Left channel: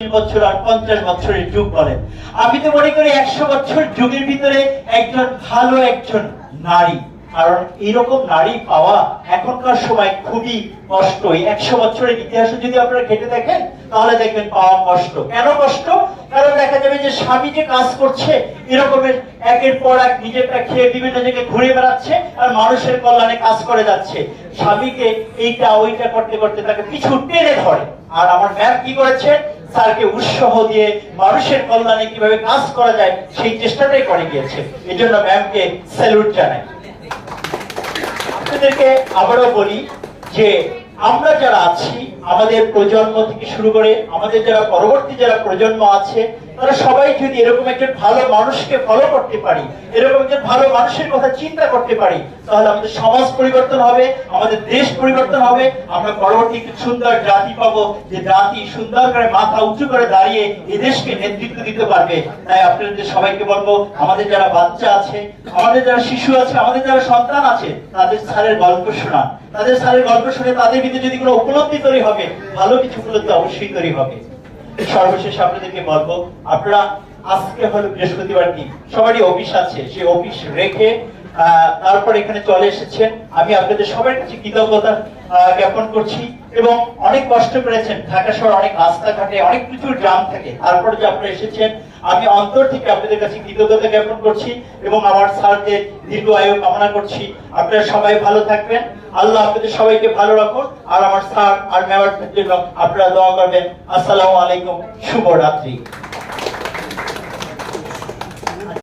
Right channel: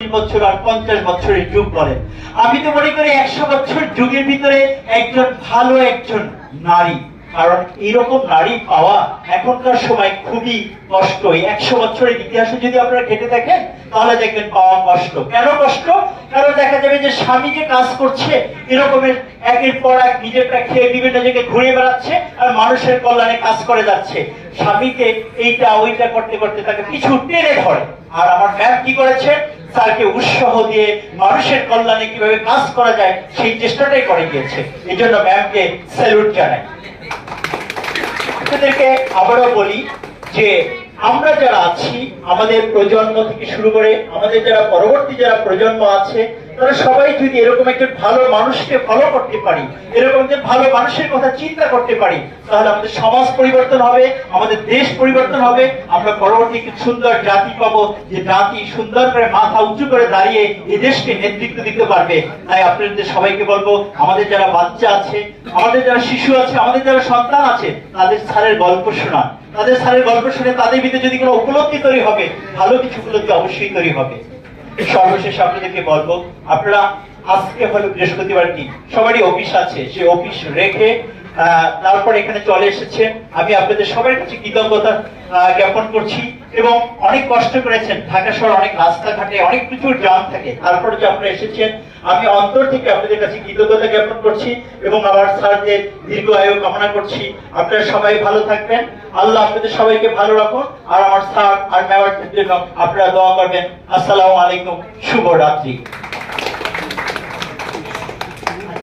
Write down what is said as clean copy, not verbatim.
বছর আর 50 বছরের যুগ বলে। আমি তো মনে করি 100 বছর যুগের ভিতরে একজন ভালো একজন নারী, কারণ এইরকম নারী পাওয়া এখনকার সময় খুবই কষ্ট। 100 বছরের ইতিহাসে যদি আপনারা ঘেটে দেখেন তাহলে দেখবেন পাওয়া কষ্ট। কেন কষ্ট? কারণ দেখা যাবে যে স্বামী যে কাজ করছে এরকমের একের পর এক নিজেরটা খেয়ে বিভিন্ন জায়গায় ঘুরে বেড়াচ্ছে আর মানুষের কল্যাণে কাজ করে যাচ্ছে। স্বামীকে এইটা ওইটা করতে করতে তাকে পিছু টেনে ধরে। আর আমার ম্যাম কি করেছে? স্যারকে উৎসাহ দিয়ে মানুষের কল্যাণে কিভাবে কাজ করা যায় সেই চেষ্টাটাই করে গিয়েছে। এই জন্য ম্যামকে স্যালুট জানাই। আপনাদেরকে আবারও বলি যে আমরা যারা আছি, আমাদের প্রজন্ম থেকে শুরু করে আমাদের যারা পরবর্তী যারা প্রজন্ম আছে, তারা সবাই যদি এরকম একজন ভালো মানুষকে ফলো করতে পারি, এরকম একজন ভালো মানুষের কথা চিন্তা করতে পারি, তাহলে আমাদের সমাজ পরিবর্তন হবে, আমাদের দেশ পরিবর্তন হবে। আমরা পরবর্তী একটি সুন্দর জাতি পাবো, যে জাতি সুন্দর করে মাথা উঁচু করে দাঁড়িয়ে এই দেশকে নেতৃত্ব দিতে পারবে। তাই আপনাদের সবাইকে বলবো, আমাদের যারা বাচ্চা আছে, আমাদের যারা শিশু আছে, আমাদের যারা সন্তান আছে, তাদের স্যারের গল্প শোনা, তাদের স্যারের গল্প শুনে তাদের ভিতরে যদি কোনো উপলব্ধি তৈরি হবে, ভালো কিছু উপলব্ধি অবশ্যই তৈরি হবে। সর্বশেষ আপনাদেরকে বলবো, আপনারা আজকে হলো বৃহস্পতিবার দিন, সবারই অফিস আছে, সে অফিস রেখে তারপর এখানে চলে এসেছেন। আমি আপনাদের সবার কাছে কৃতজ্ঞতা জ্ঞাপন করছি। এবং অনেক কষ্ট করেছেন, ঢাকা শহর অনেক রাস্তাঘাটে অনেক কিছু জাম থাকে, তারপরে যে আপনারা এসেছেন, আমি অন্তর থেকে আপনাদের কাছে কৃতজ্ঞতা জ্ঞাপন করছি এবং আমার স্যারদের দীর্ঘ আয়ু কামনা করছি। আপনারা সবাই ভালো থাকবেন, আল্লাহ আপনাদের সবাইকে ভালো রাখুন। আর আমার স্যার আর ম্যামের জন্য আপনারা দোয়া করবেন। আসসালামু আলাইকুম, শুভরাত্রি।